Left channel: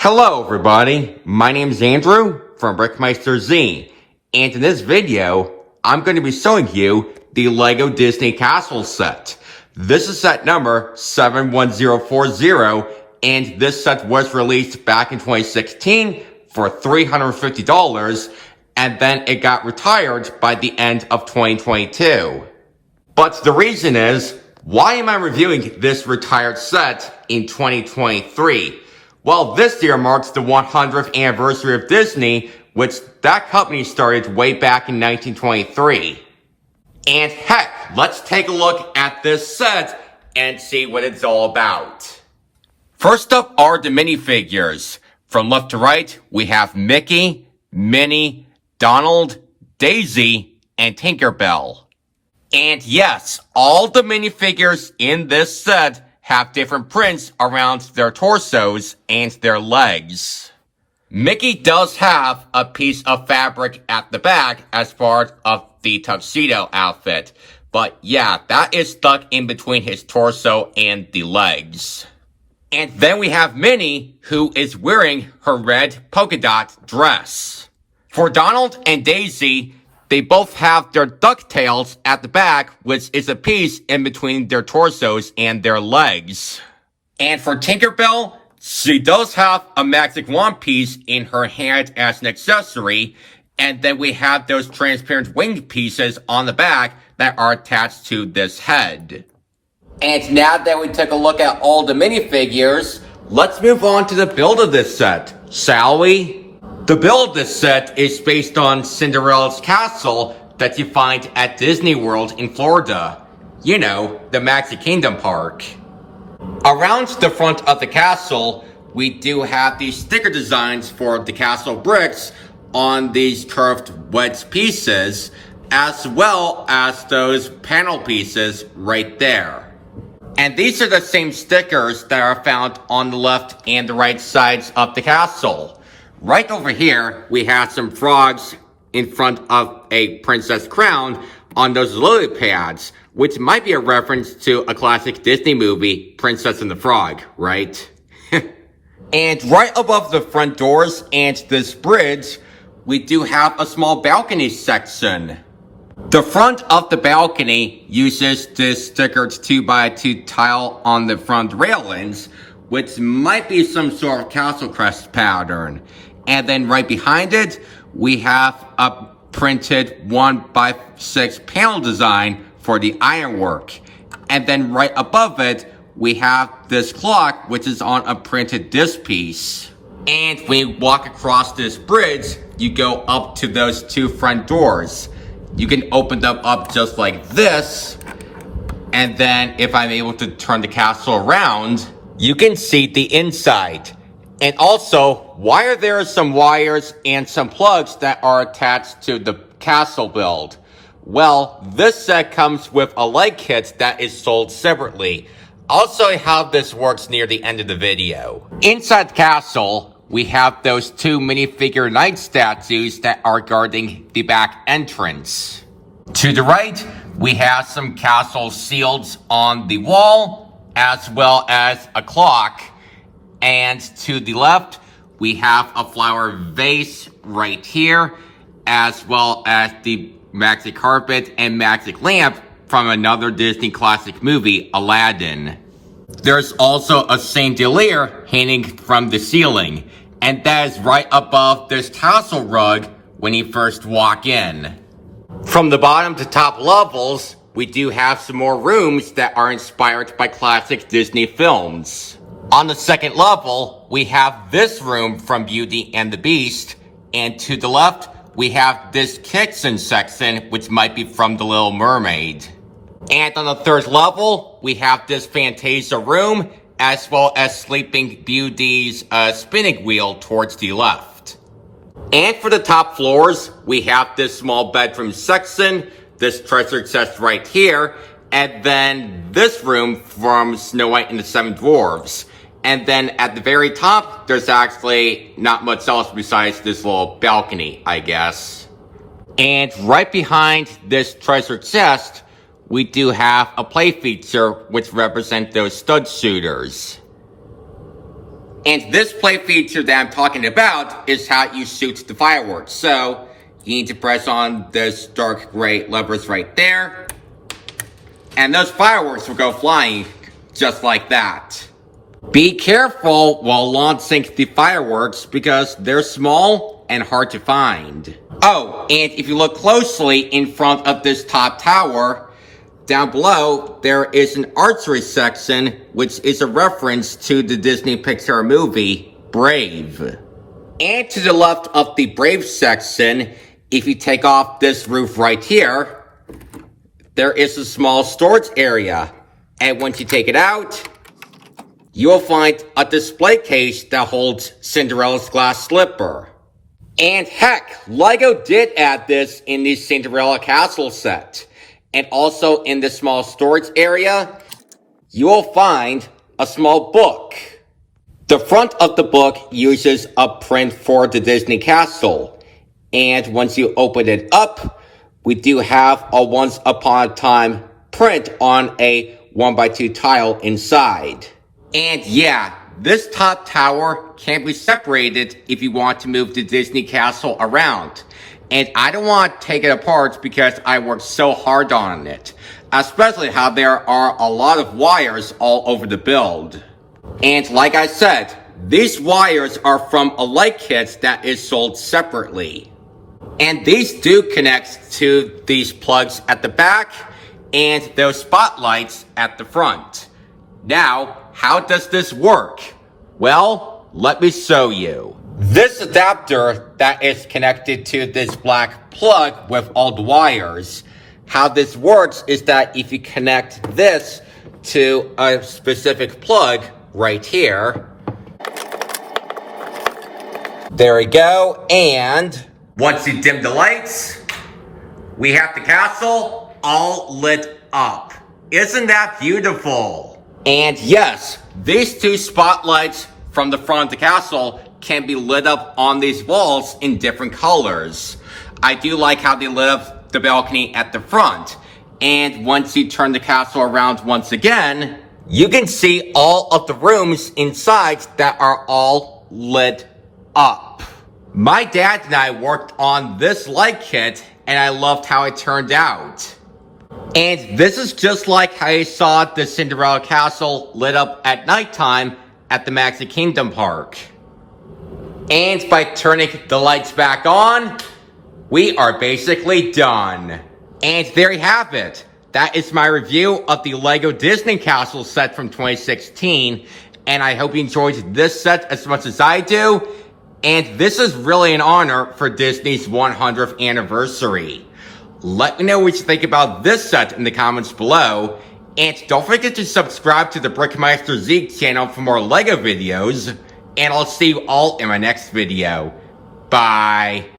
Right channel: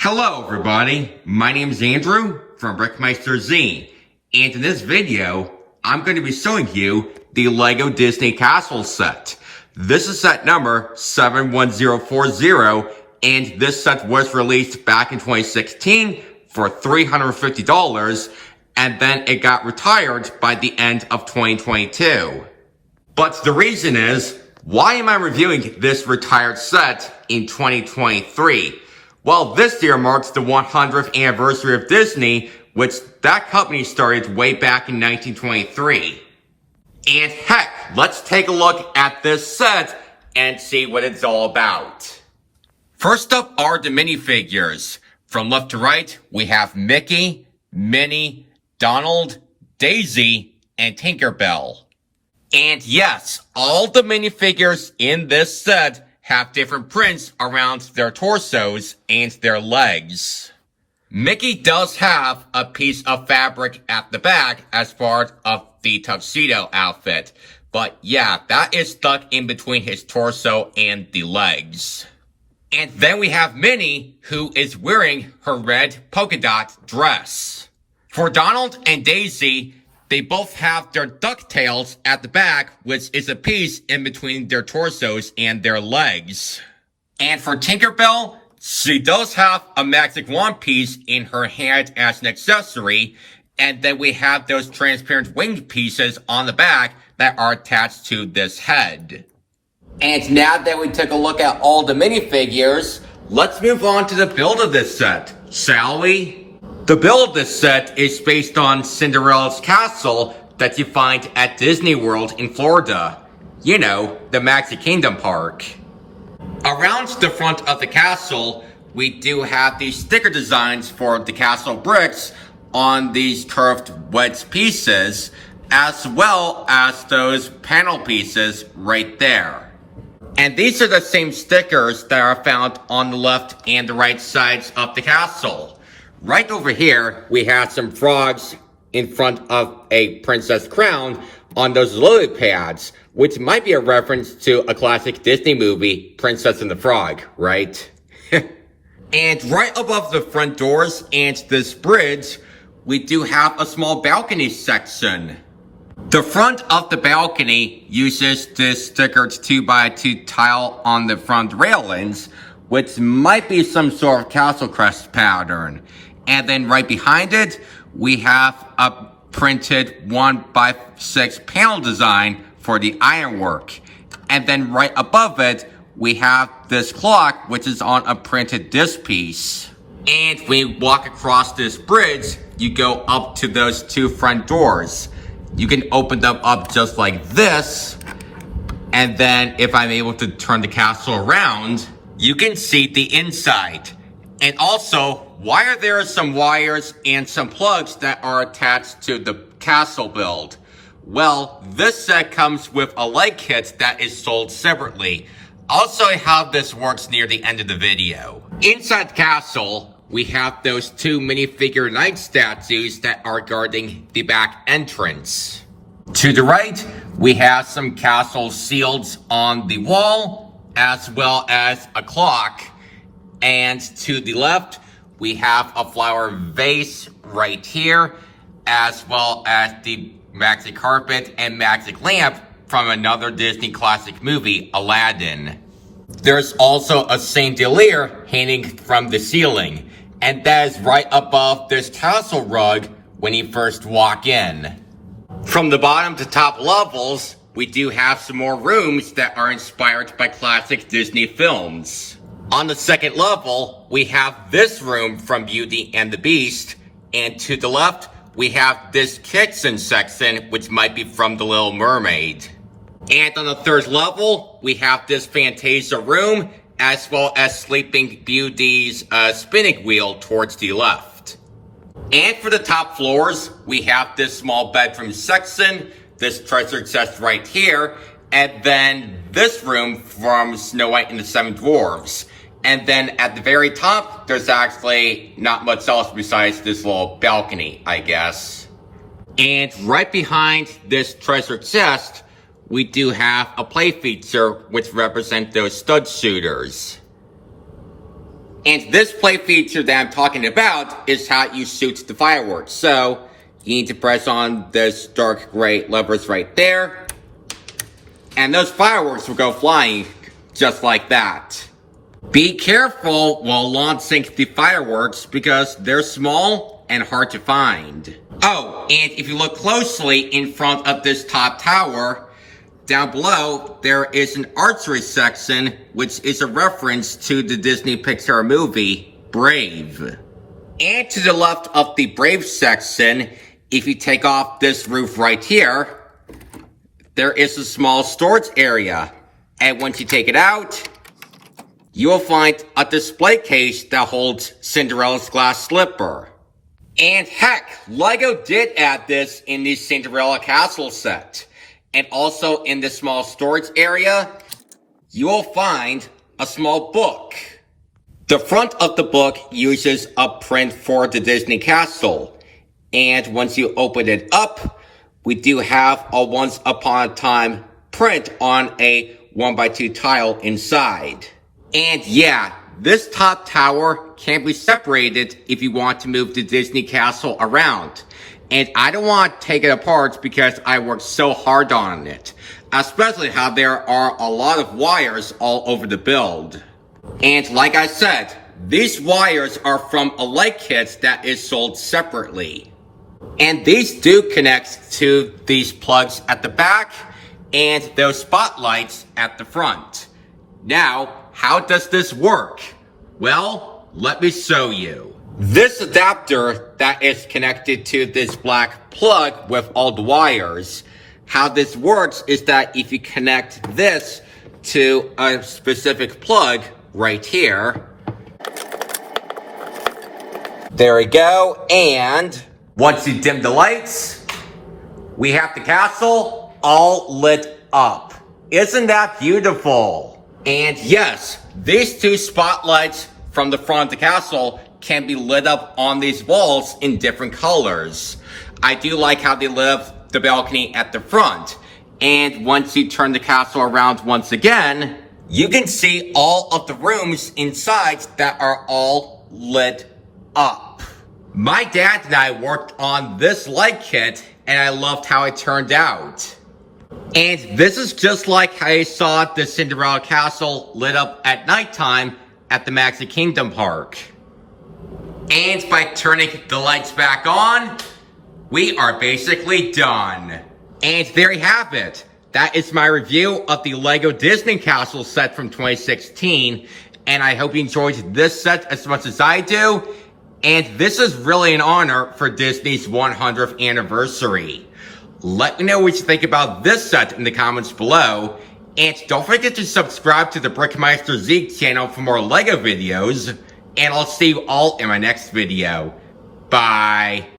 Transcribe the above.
Hello everybody, my name is Andrew from BrickMeisterZ, and in this video, I'm going to be showing you the LEGO Disney Castle set. This is set number 71040, and this set was released back in 2016 for $350, and then it got retired by the end of 2022. But the reason is, why am I reviewing this retired set in 2023? Well, this year marks the 100th anniversary of Disney, which that company started way back in 1923. And heck, let's take a look at this set and see what it's all about. First up are the minifigures. From left to right, we have Mickey, Minnie, Donald, Daisy, and Tinkerbell. And yes, all the minifigures in this set have different prints around their torsos and their legs. Mickey does have a piece of fabric at the back as part of the tuxedo outfit, but yeah, that is stuck in between his torso and the legs. And then we have Minnie, who is wearing her red polka dot dress. For Donald and Daisy, they both have their ducktails at the back, which is a piece in between their torsos and their legs. And for Tinkerbell, she does have a magic wand piece in her hand as an accessory, and then we have those transparent winged pieces on the back that are attached to this head. And now that we took a look at all the minifigures, let's move on to the build of this set, shall we? The build of this set is based on Cinderella's castle that you find at Disney World in Florida. You know, the Magic Kingdom park. Around the front of the castle, we do have these sticker designs for the castle bricks on these curved wedge pieces, as well as those panel pieces right there. And these are the same stickers that are found on the left and the right sides of the castle. Right over here, we have some frogs in front of a princess crown on those lily pads, which might be a reference to a classic Disney movie, Princess and the Frog, right? And right above the front doors and this bridge, we do have a small balcony section. The front of the balcony uses this stickered 2x2 tile on the front railings, which might be some sort of castle crest pattern. And then right behind it, we have a printed 1x6 panel design for the ironwork. And then right above it, we have this clock, which is on a printed disc piece. And when you walk across this bridge, you go up to those two front doors. You can open them up just like this. And then if I'm able to turn the castle around, you can see the inside. And also, why are there some wires and some plugs that are attached to the castle build? Well, this set comes with a light kit that is sold separately. I'll show you how this works near the end of the video. Inside the castle, we have those two minifigure knight statues that are guarding the back entrance. To the right, we have some castle shields on the wall, as well as a clock. And to the left, we have a flower vase right here, as well as the magic carpet and magic lamp from another Disney classic movie, Aladdin. There's also a chandelier hanging from the ceiling, and that is right above this castle rug when you first walk in. From the bottom to top levels, we do have some more rooms that are inspired by classic Disney films. On the second level, we have this room from Beauty and the Beast, and to the left, we have this kitchen section, which might be from The Little Mermaid. And on the third level, we have this Fantasia room, as well as Sleeping Beauty's spinning wheel towards the left. And for the top floors, we have this small bedroom section, this treasure chest right here, and then this room from Snow White and the Seven Dwarfs. And then at the very top, there's actually not much else besides this little balcony, I guess. And right behind this treasure chest, we do have a play feature which represents those stud shooters. And this play feature that I'm talking about is how you shoot the fireworks. So you need to press on this dark gray levers right there. And those fireworks will go flying just like that. Be careful while launching the fireworks because they're small and hard to find. Oh, and if you look closely in front of this top tower, down below, there is an archery section, which is a reference to the Disney Pixar movie, Brave. And to the left of the Brave section, if you take off this roof right here, there is a small storage area. And once you take it out, you will find a display case that holds Cinderella's glass slipper. And heck, LEGO did add this in the Cinderella Castle set. And also in the small storage area, you will find a small book. The front of the book uses a print for the Disney Castle. And once you open it up, we do have a once upon a time print on a 1x2 tile inside. And yeah, this top tower can be separated if you want to move the Disney Castle around. And I don't want to take it apart because I worked so hard on it. Especially how there are a lot of wires all over the build. And like I said, these wires are from a light kit that is sold separately. And these do connect to these plugs at the back and those spotlights at the front. Now, how does this work? Well, let me show you. This adapter that is connected to this black plug with all the wires, how this works is that if you connect this to a specific plug right here, there we go, and once you dim the lights, we have the castle all lit up. Isn't that beautiful? And yes, these two spotlights from the front of the castle can be lit up on these walls in different colors. I do like how they lit up the balcony at the front. And once you turn the castle around once again, you can see all of the rooms inside that are all lit up. My dad and I worked on this light kit and I loved how it turned out. And this is just like how you saw the Cinderella Castle lit up at nighttime at the Magic Kingdom Park. And by turning the lights back on, we are basically done. And there you have it. That is my review of the LEGO Disney Castle set from 2016. And I hope you enjoyed this set as much as I do. And this is really an honor for Disney's 100th anniversary. Let me know what you think about this set in the comments below. And don't forget to subscribe to the BrickMeisterZ channel for more LEGO videos. And I'll see you all in my next video. Bye.